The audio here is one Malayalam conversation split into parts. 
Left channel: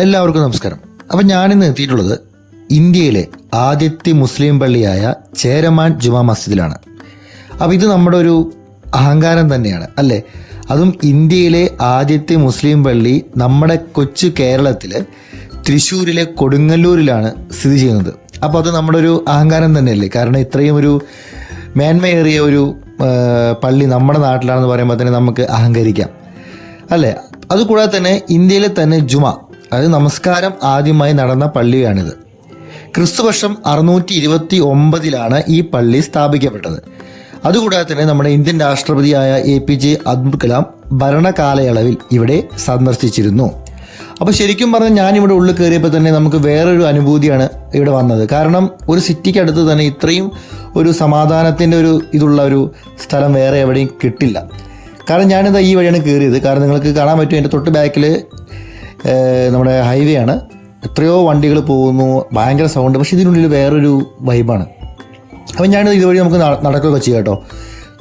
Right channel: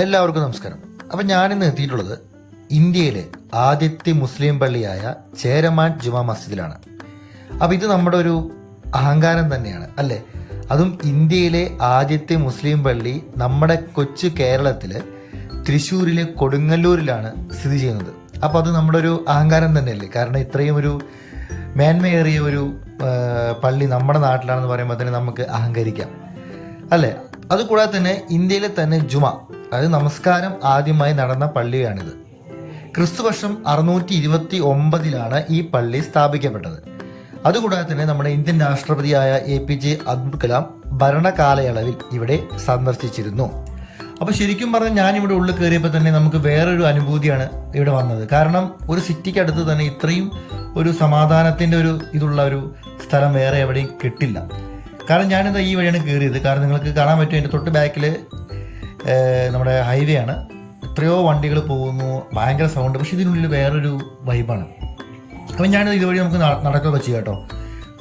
എല്ലാവർക്കും നമസ്കാരം. അപ്പം ഞാനിന്ന് എത്തിയിട്ടുള്ളത് ഇന്ത്യയിലെ ആദ്യത്തെ മുസ്ലിം പള്ളിയായ ചേരമാൻ ജുമാ മസ്ജിദിലാണ്. അപ്പം ഇത് നമ്മുടെ ഒരു അഹങ്കാരം തന്നെയാണ് അല്ലേ? അതും ഇന്ത്യയിലെ ആദ്യത്തെ മുസ്ലിം പള്ളി നമ്മുടെ കൊച്ചു കേരളത്തിൽ തൃശ്ശൂരിലെ കൊടുങ്ങല്ലൂരിലാണ് സ്ഥിതി ചെയ്യുന്നത്. അപ്പോൾ അത് നമ്മുടെ ഒരു അഹങ്കാരം തന്നെയല്ലേ? കാരണം ഇത്രയും ഒരു മേന്മയേറിയ ഒരു പള്ളി നമ്മുടെ നാട്ടിലാണെന്ന് പറയുമ്പോൾ തന്നെ നമുക്ക് അഹങ്കരിക്കാം അല്ലേ? അതുകൂടാതെ തന്നെ ഇന്ത്യയിലെ തന്നെ ജുമാ, അതായത് നമസ്കാരം ആദ്യമായി നടന്ന പള്ളിയാണിത്. ക്രിസ്തുവർഷം 629 ഈ പള്ളി സ്ഥാപിക്കപ്പെട്ടത്. അതുകൂടാതെ തന്നെ നമ്മുടെ ഇന്ത്യൻ രാഷ്ട്രപതിയായ APJ അബ്ദുൽ കലാം ഭരണകാലയളവിൽ ഇവിടെ സന്ദർശിച്ചിരുന്നു. അപ്പോൾ ശരിക്കും പറഞ്ഞാൽ ഞാനിവിടെ ഉള്ളിൽ കയറിയപ്പോൾ തന്നെ നമുക്ക് വേറൊരു അനുഭൂതിയാണ് ഇവിടെ വന്നത്. കാരണം ഒരു സിറ്റിക്ക് അടുത്ത് തന്നെ ഇത്രയും ഒരു സമാധാനത്തിൻ്റെ ഒരു ഇതുള്ള ഒരു സ്ഥലം വേറെ എവിടെയും കിട്ടില്ല. കാരണം ഞാനിത് ഈ വഴിയാണ് കയറിയത്. കാരണം നിങ്ങൾക്ക് കാണാൻ പറ്റും, എൻ്റെ തൊട്ട് ബാക്കിൽ നമ്മുടെ ഹൈവേ ആണ്. എത്രയോ വണ്ടികൾ പോകുന്നു, ഭയങ്കര സൗണ്ട്. പക്ഷേ ഇതിനുള്ളിൽ വേറൊരു വൈബാണ്. അപ്പം ഞാനിത് ഇതുവഴി നമുക്ക് നടക്കുകയൊക്കെ ചെയ്യാം കേട്ടോ.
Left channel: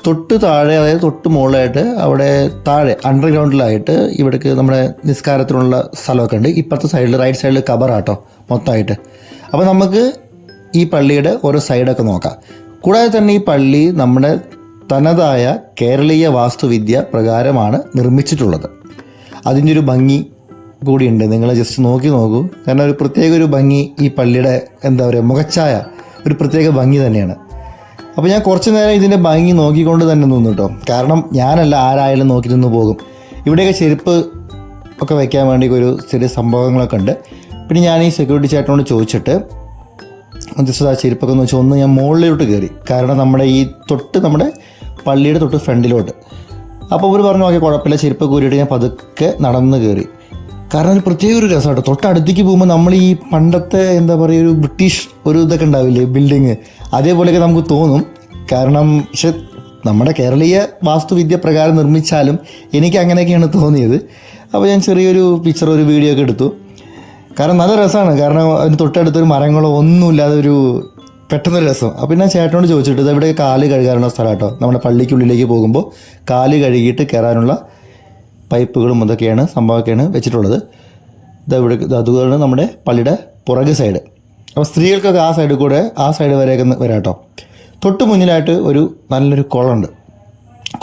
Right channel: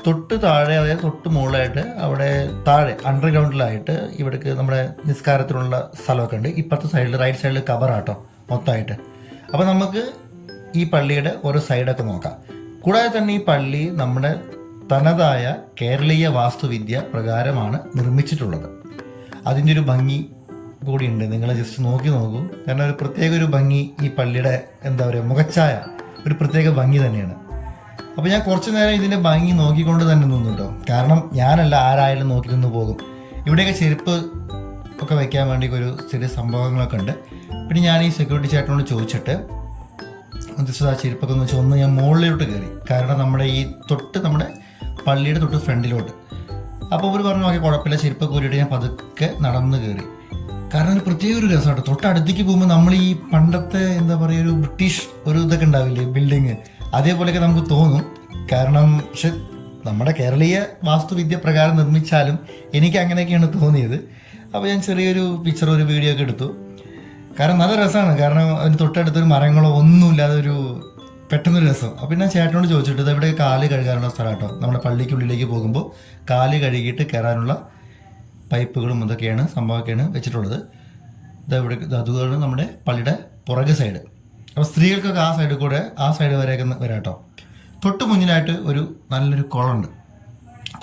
തൊട്ട് താഴെ, അതായത് തൊട്ട് മുകളിലായിട്ട് അവിടെ താഴെ അണ്ടർഗ്രൗണ്ടിലായിട്ട് ഇവിടേക്ക് നമ്മുടെ നിസ്കാരത്തിനുള്ള സ്ഥലമൊക്കെ ഉണ്ട്. ഇപ്പുറത്തെ സൈഡിൽ റൈറ്റ് സൈഡിൽ കബറാട്ടോ മൊത്തമായിട്ട്. അപ്പോൾ നമുക്ക് ഈ പള്ളിയുടെ ഓരോ സൈഡൊക്കെ നോക്കാം. കൂടാതെ തന്നെ ഈ പള്ളി നമ്മുടെ തനതായ കേരളീയ വാസ്തുവിദ്യ പ്രകാരമാണ് നിർമ്മിച്ചിട്ടുള്ളത്. അതിൻ്റെ ഒരു ഭംഗി കൂടിയുണ്ട്, നിങ്ങൾ ജസ്റ്റ് നോക്കൂ. കാരണം ഒരു പ്രത്യേക ഒരു ഭംഗി ഈ പള്ളിയുടെ എന്താ പറയുക, മുഖച്ഛായ ഒരു പ്രത്യേക ഭംഗി തന്നെയാണ്. അപ്പോൾ ഞാൻ കുറച്ച് നേരം ഇതിൻ്റെ ഭംഗി നോക്കിക്കൊണ്ട് തന്നെ നിന്നു കേട്ടോ. കാരണം ഞാനല്ല, ആരായാലും നോക്കി നിന്ന് പോകും. ഇവിടെയൊക്കെ ചെരുപ്പ് ഒക്കെ വയ്ക്കാൻ വേണ്ടി ഒരു ചെറിയ സംഭവങ്ങളൊക്കെ ഉണ്ട്. പിന്നെ ഞാൻ ഈ സെക്യൂരിറ്റി ചേട്ടനോട് ചോദിച്ചിട്ട് ജസ്റ്റ് ആ ചെരുപ്പൊക്കെ എന്ന് വെച്ചാൽ ഒന്ന് ഞാൻ മുകളിലോട്ട് കയറി. കാരണം നമ്മുടെ ഈ നമ്മുടെ പള്ളിയുടെ തൊട്ട് ഫ്രണ്ടിലോട്ട്. അപ്പോൾ അവർ പറഞ്ഞു ഓക്കെ കുഴപ്പമില്ല, ചെരുപ്പ് കൂരിയിട്ട് ഞാൻ പതുക്കെ നടന്ന് കയറി. കാരണം ഒരു പ്രത്യേക ഒരു രസമാട്ടോ. തൊട്ടടുത്തേക്ക് പോകുമ്പോൾ നമ്മൾ ഈ പണ്ടത്തെ എന്താ പറയുക, ഒരു ബ്രിട്ടീഷ് ഒരു ഇതൊക്കെ ഉണ്ടാവില്ലേ, ബിൽഡിങ്, അതേപോലെയൊക്കെ നമുക്ക് തോന്നും. കാരണം പക്ഷെ നമ്മുടെ കേരളീയ വാസ്തുവിദ്യ പ്രകാരം നിർമ്മിച്ചാലും എനിക്ക് അങ്ങനെയൊക്കെയാണ് തോന്നിയത്. അപ്പോൾ ഞാൻ ചെറിയൊരു പിക്ചർ, ഒരു വീഡിയോ ഒക്കെ എടുത്തു. കാരണം നല്ല രസമാണ്. കാരണം അതിന് തൊട്ടടുത്തൊരു മരങ്ങളോ ഒന്നുമില്ലാതെ ഒരു പെട്ടെന്നൊരു രസം. അപ്പോൾ ഞാൻ ചേട്ടനോട് ചോദിച്ചിട്ട് ഇത് ഇവിടെ കാല് കഴുകാനുള്ള സ്ഥലം കേട്ടോ. നമ്മുടെ പള്ളിക്കുള്ളിലേക്ക് പോകുമ്പോൾ കാല് കഴുകിയിട്ട് കയറാനുള്ള പൈപ്പുകളും അതൊക്കെയാണ് സംഭവമൊക്കെയാണ് വെച്ചിട്ടുള്ളത്. ഇവിടെ അതുപോലെ നമ്മുടെ പള്ളിയുടെ പുറകെ സൈഡ്. അപ്പോൾ സ്ത്രീകൾക്കൊക്കെ ആ സൈഡിൽ കൂടെ, ആ സൈഡ് വരെയൊക്കെ വരാം കേട്ടോ. തൊട്ട് മുന്നിലായിട്ട് ഒരു നല്ലൊരു കുളമുണ്ട്.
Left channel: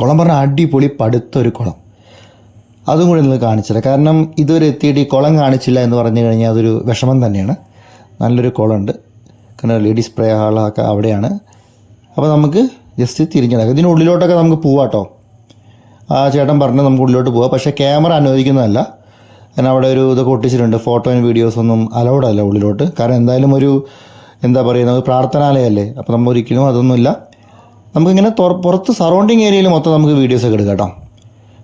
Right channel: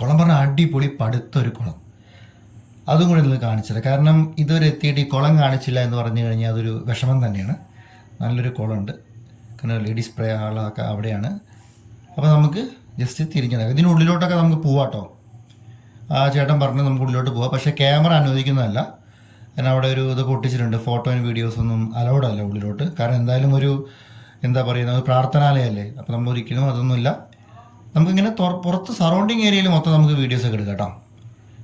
കുളം പറഞ്ഞാൽ അടിപൊളി പടുത്തൊരു കുളം. അതും കൂടി നിങ്ങൾ കാണിച്ചില്ല. കാരണം ഇതുവരെ എത്തിയിട്ട് ഈ കുളം കാണിച്ചില്ല എന്ന് പറഞ്ഞു കഴിഞ്ഞാൽ അതൊരു വിഷമം തന്നെയാണ്. നല്ലൊരു കുളമുണ്ട്. കാരണം ലേഡീസ് സ്പ്രേ ഹാളൊക്കെ അവിടെയാണ്. അപ്പോൾ നമുക്ക് ജസ്റ്റ് തിരിഞ്ഞിടക്കാം. ഇതിനുള്ളിലോട്ടൊക്കെ നമുക്ക് പോവാം കേട്ടോ. ആ ചേട്ടൻ പറഞ്ഞാൽ നമുക്ക് ഉള്ളിലോട്ട് പോകാം. പക്ഷേ ക്യാമറ അനുവദിക്കുന്നതല്ല. കാരണം അവിടെ ഒരു ഇതൊക്കെ ഒട്ടിച്ചിട്ടുണ്ട്. ഫോട്ടോയും വീഡിയോസൊന്നും അലൗഡ് അല്ല ഉള്ളിലോട്ട്. കാരണം എന്തായാലും ഒരു എന്താ പറയുക, ഒരു പ്രാർത്ഥനാലയമല്ലേ. അപ്പോൾ നമ്മൾ ഒരിക്കലും അതൊന്നുമില്ല. നമുക്കിങ്ങനെ പുറത്ത് സറൗണ്ടിങ് ഏരിയയിൽ മൊത്തം നമുക്ക് വീഡിയോസൊക്കെ എടുക്കാം കേട്ടോ.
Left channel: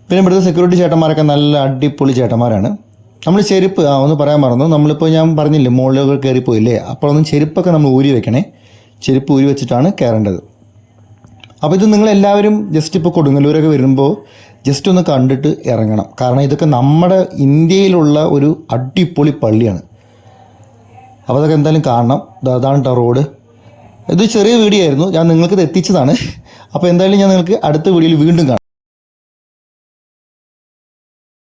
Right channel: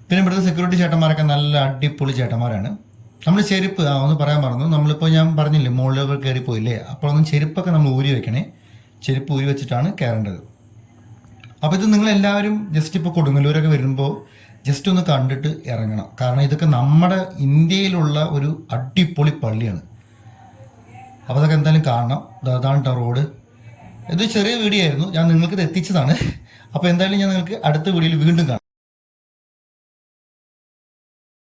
പിന്നെ ഇവിടുത്തെ സെക്യൂരിറ്റി ചേട്ടന്മാരൊക്കെ നല്ല അടിപൊളി ചേട്ടന്മാരാണ്. നമ്മൾ ചെരുപ്പ് ഒന്ന് പറയാൻ മറന്നു. നമ്മളിപ്പോൾ ഞാൻ പറഞ്ഞില്ലേ മുകളിലൊക്കെ കയറിപ്പോയില്ലേ, അപ്പോഴൊന്നും ചെരുപ്പൊക്കെ നമ്മൾ ഊരി വെക്കണേ. ചെരുപ്പ് ഊരി വെച്ചിട്ടാണ് കയറേണ്ടത്. അപ്പോൾ ഇത് നിങ്ങളെല്ലാവരും ജസ്റ്റ് ഇപ്പോൾ കൊടുങ്ങല്ലൂരൊക്കെ വരുമ്പോൾ ജസ്റ്റ് ഒന്ന് കണ്ടിട്ട് ഇറങ്ങണം. കാരണം ഇതൊക്കെ നമ്മുടെ ഇന്ത്യയിലുള്ള ഒരു അടിപൊളി പള്ളിയാണ്. അപ്പോൾ അതൊക്കെ എന്തായാലും കാണണം. അതാണ് കേട്ടോ റോഡ്. ഇത് ചെറിയ വീഡിയോ ആയിരുന്നു, ഞാൻ നിങ്ങൾക്ക് ഇത് എത്തിച്ചതാണ്. അപ്പോൾ എന്തായാലും ഞാൻ നിങ്ങൾക്ക് അടുത്ത വീഡിയോയിൽ വീണ്ടും കാണാം.